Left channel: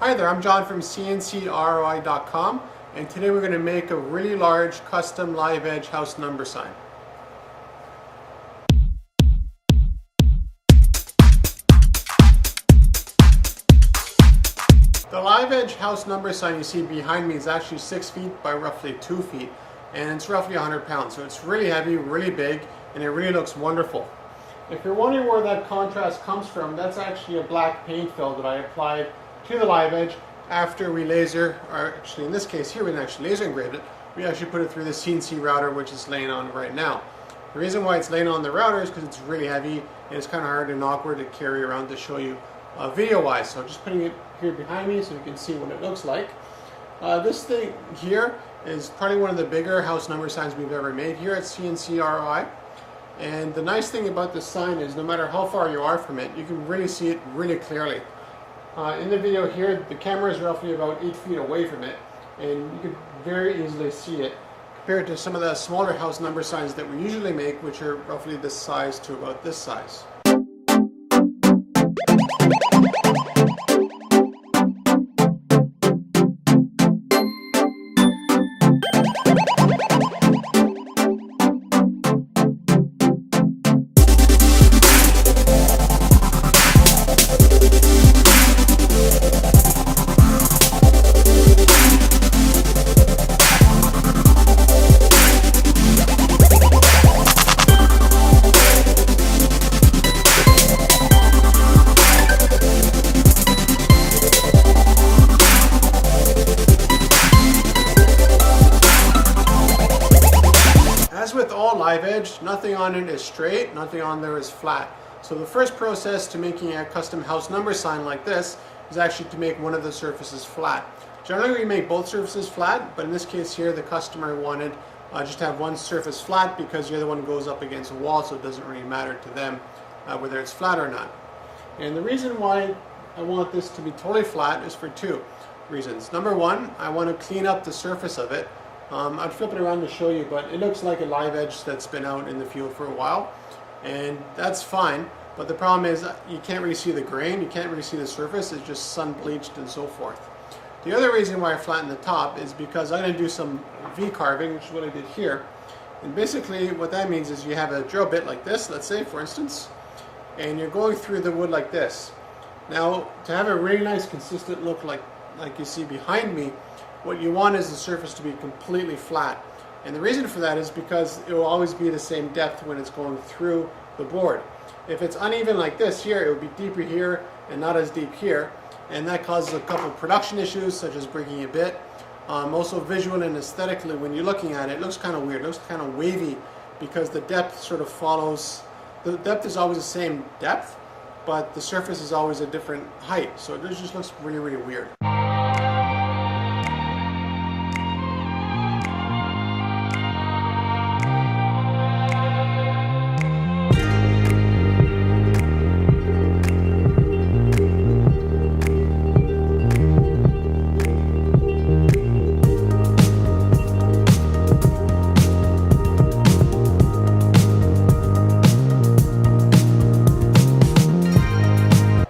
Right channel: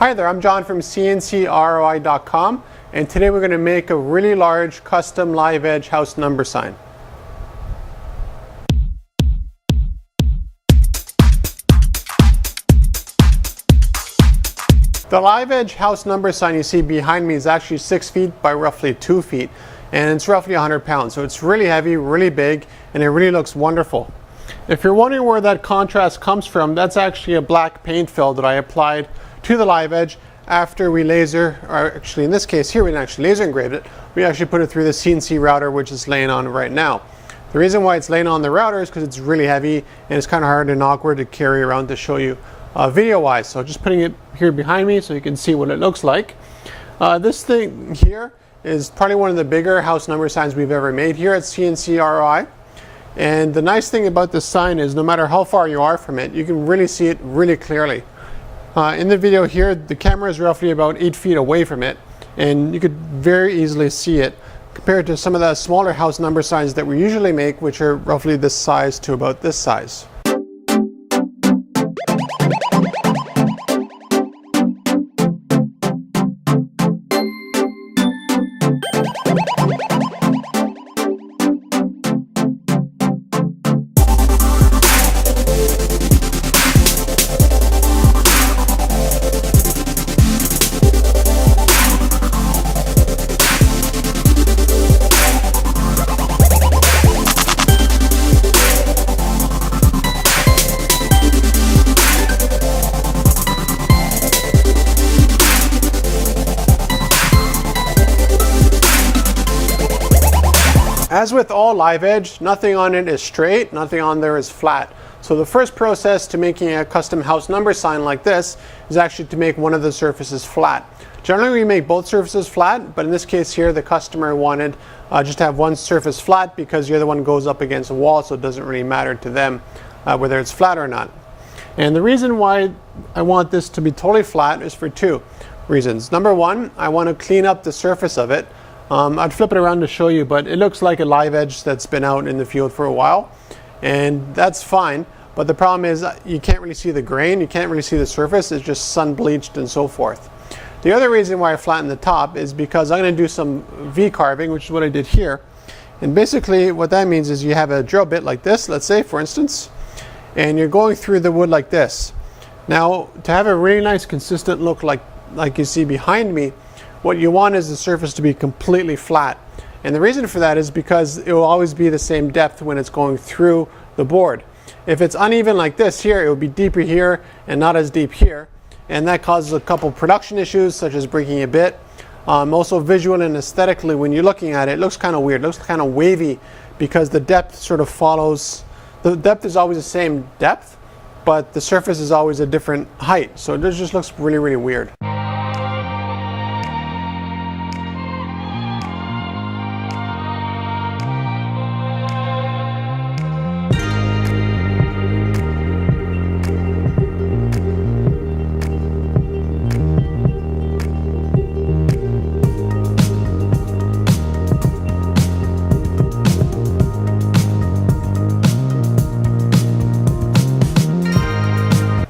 Hi there, I'm John from CNCROI.com, and today we're going to make a really large custom live edge house number sign. The live edge house number sign you see behind me is actually 6 feet by roughly 2 feet, and it's roughly 100 pounds. So it's really heavy, really big, and it really looks wonderful. If you're wondering where that contrast comes from, that's actually a black paint fill that I applied to the live edge after we laser, or actually in this case here we didn't actually laser engrave it, we actually put it through the CNC router, which is laying on right now. The reason why it's laying on the router is because it's really heavy and it's kind of hard and awkward to carry around to show you video wise. So just putting it here behind me so you can see what it looks like. This thing here is probably one of the bigger house number signs we've ever made here at CNC ROI. And the nice thing about this sign is no matter how far you are from it, you can really see it really clearly. In the video here, the camera is roughly about 8 feet away from it, and you could very easily see it compared to some of the smaller house number signs that we usually make, which are roughly this size to about this size. As with all live edge, nothing on it is straight, nothing on there is flat. So the first process to making a custom house number sign like this is actually to make one of the surfaces flat. Generally we make both surfaces flat, but in this case here the customer wanted just to have one surface flat because the other one goes up against a wall, so it doesn't really matter to them whether it's flat or not. And the reason why I want this to be totally flat is for two reasons. Number one, I want to clean up the surface of it. I'd flip it around to show you, but it looks like a live edge that's been out in the field for a while, and that's fine. But the problem is you can't really see the grain, you can't really see the surface, it's just sun bleached and so forth. The other reason why I flatten the top is because I'm going to do some V carving, which is what I did here. And basically what that means is you have a drill bit like this, let's say for instance, and you're going through the wood like this. Now to have a really nice consistent look like you see behind me, what you want is the surface to be completely flat. And the reason for that is because it will always be the same depth when it's going through the board. If it's uneven like this here, it will be deeper here and not as deep here. And that causes a couple production issues such as breaking a bit. Also visual and aesthetically, when you're looking at it, it looks kind of weird, it looks kind of wavy because the depth sort of follows, the depth is always the same depth, but the surface is always a different height. So it just looks really, really weird.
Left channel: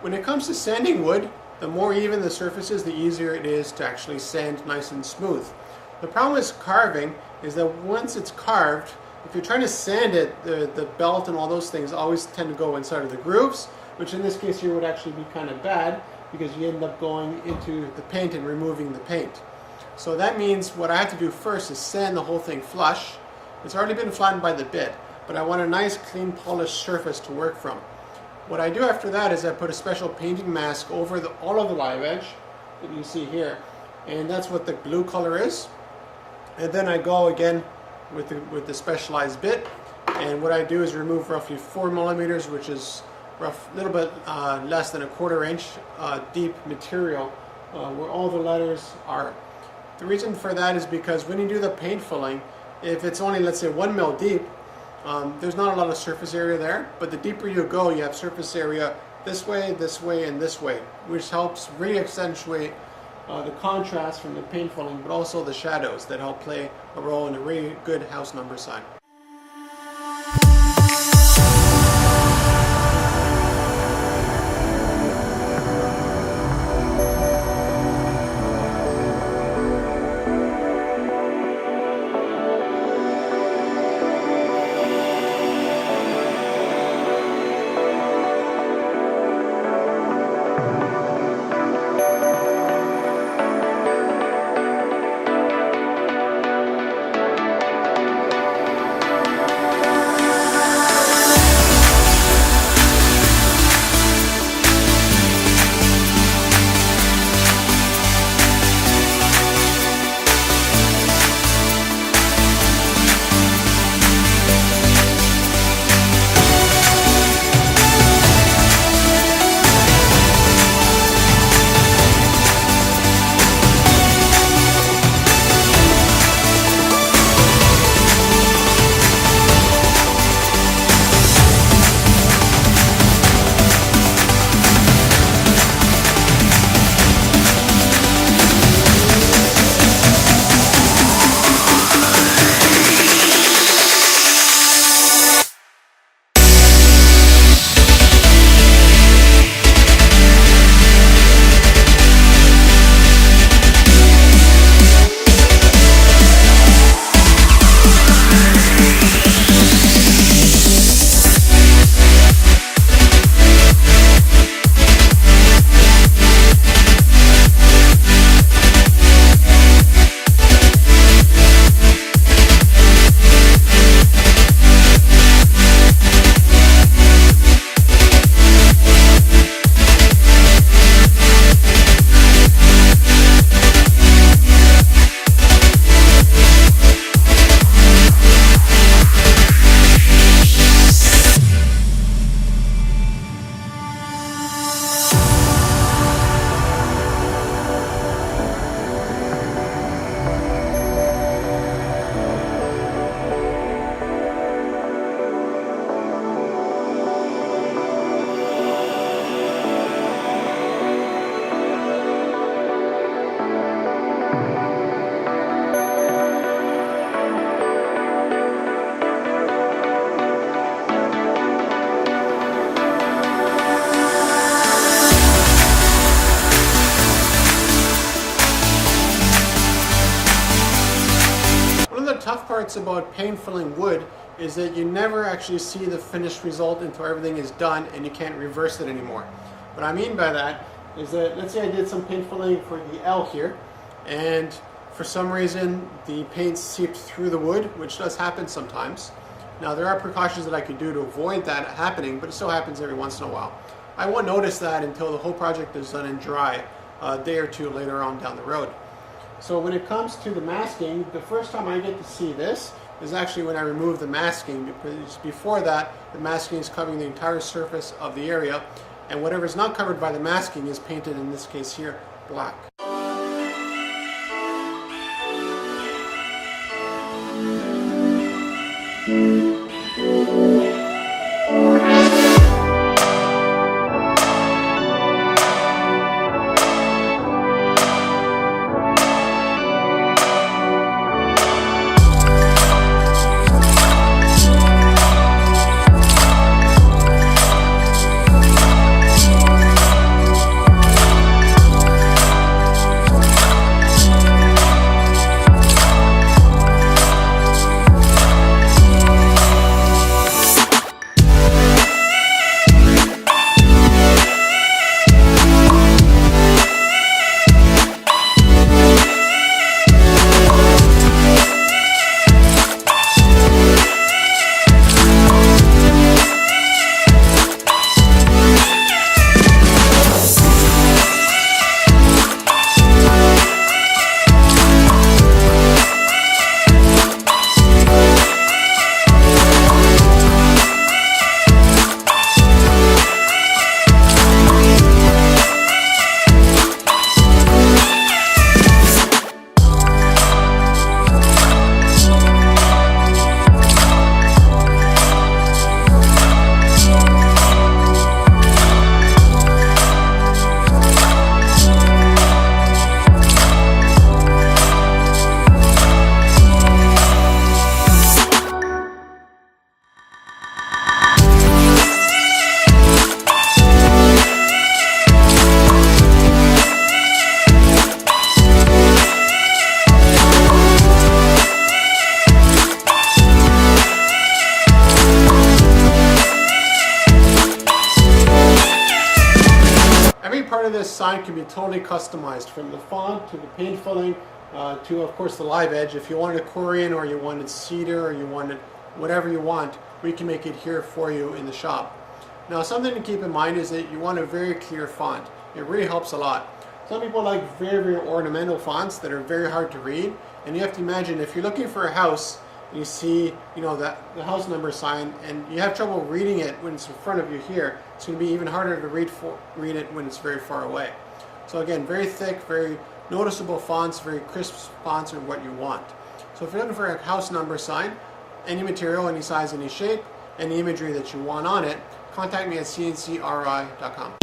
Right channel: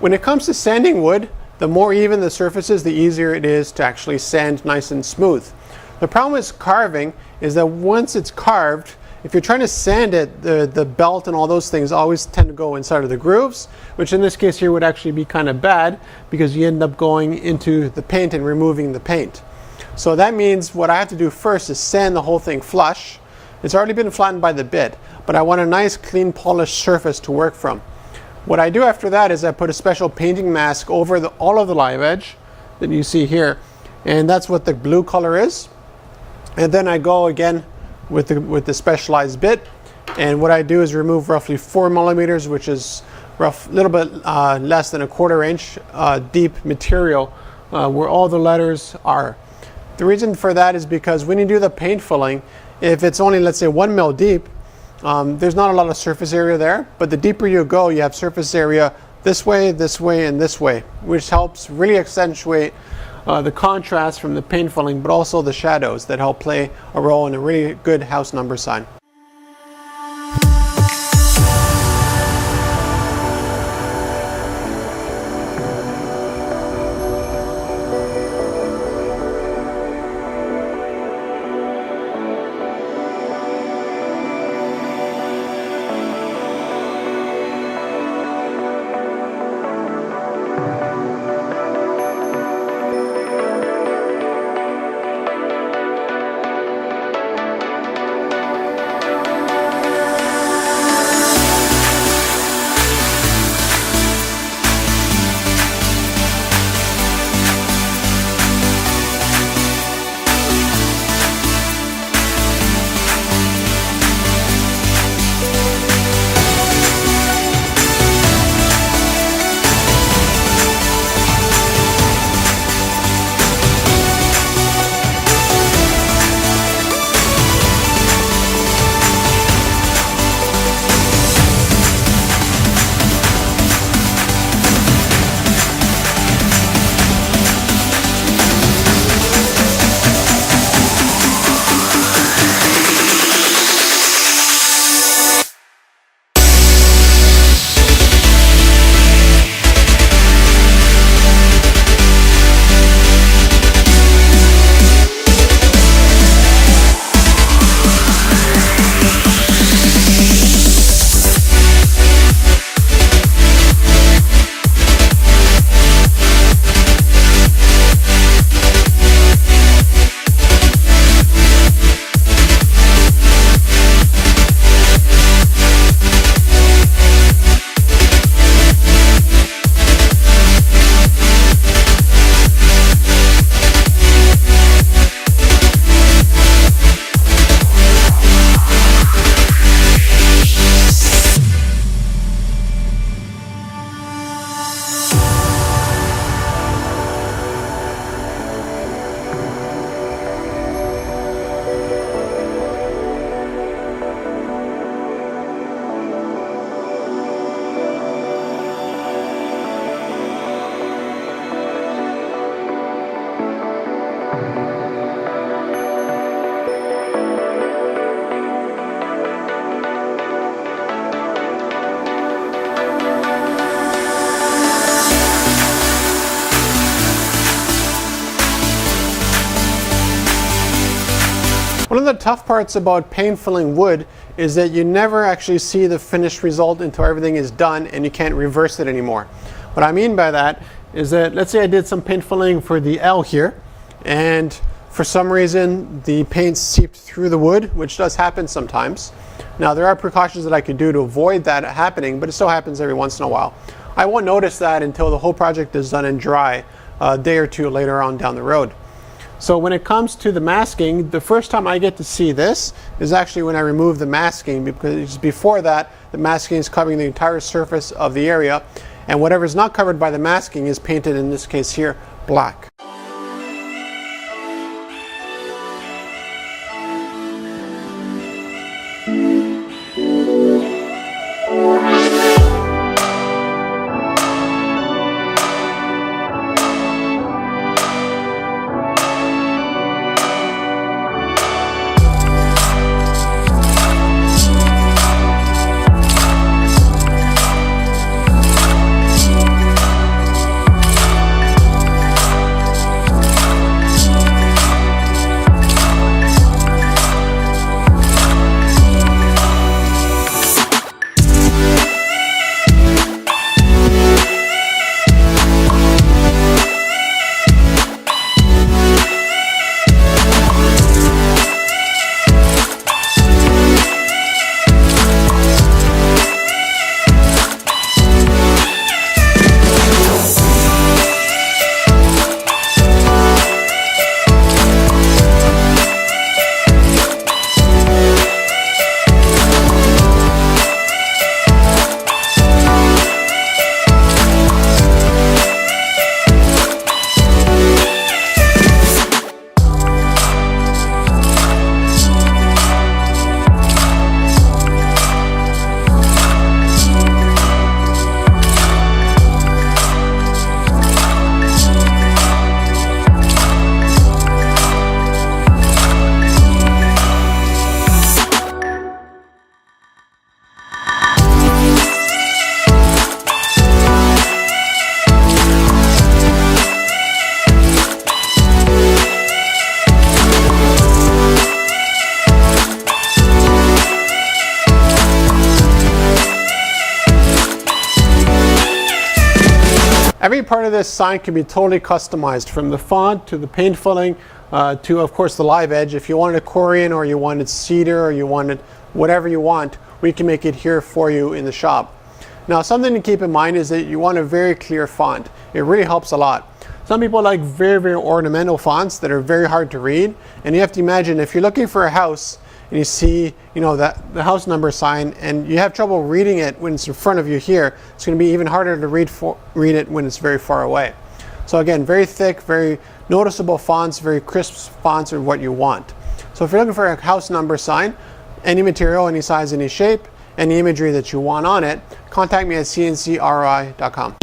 When it comes to sanding wood, the more even the surface is, the easier it is to actually sand nice and smooth. The problem with carving is that once it's carved, if you're trying to sand it, the belt and all those things always tend to go inside of the grooves, which in this case here would actually be kind of bad because you end up going into the paint and removing the paint. So that means what I have to do first is sand the whole thing flush. It's already been flattened by the bit, but I want a nice clean polished surface to work from. What I do after that is I put a special painting mask over all of the live edge that you see here, and that's what the blue color is. And then I go again with the specialized bit, and what I do is remove roughly 4 millimeters, which is a little bit less than a 1/4 inch deep material where all the letters are. The reason for that is because when you do the paint filling, if it's only, let's say, 1 mil deep, there's not a lot of surface area there, but the deeper you go, you have surface area this way, and this way, which helps really accentuate the contrast from the paint filling, but also the shadows that help play a role in a really good house number sign. the tough parts about paint filling wood is that you never actually see the finished result until everything is done and you can't reverse it anymore. What I mean by that is that, let's say I did some paint filling for the L here, and for some reason the paint seeped through the wood, which does happen sometimes. Now there are precautions that I can do to avoid that happening, but it still happens every once in a while. I won't notice that until the whole project is done and dry a day or two later on down the road. So when it comes to the masking, the first time I get to see this is actually when I remove the masking, because before that the masking is covering the entire surface of the area, and whatever is not covered by the masking is painted, in this case here, black. Every part of this sign can be totally customized, from the font to the paint filling to, of course, the live edge. If you wanted Corian or you wanted cedar or you wanted whatever you want, we can make it here for you in the shop. Now, something to keep in mind is that you want a very clear font. It really helps a lot. Some people like very, very ornamental fonts that are very hard to read, and you have to imagine if you're looking for a house and you see, that the house number sign, and you have trouble reading it when it's in front of you here, it's going to be even harder to read it when it's very far away. So again, very thick, very noticeable fonts, very crisp fonts are what you want. So if you're looking for a house number sign, any material, any size, any shape, any imagery that you want on it, contact me at CNCRI.com.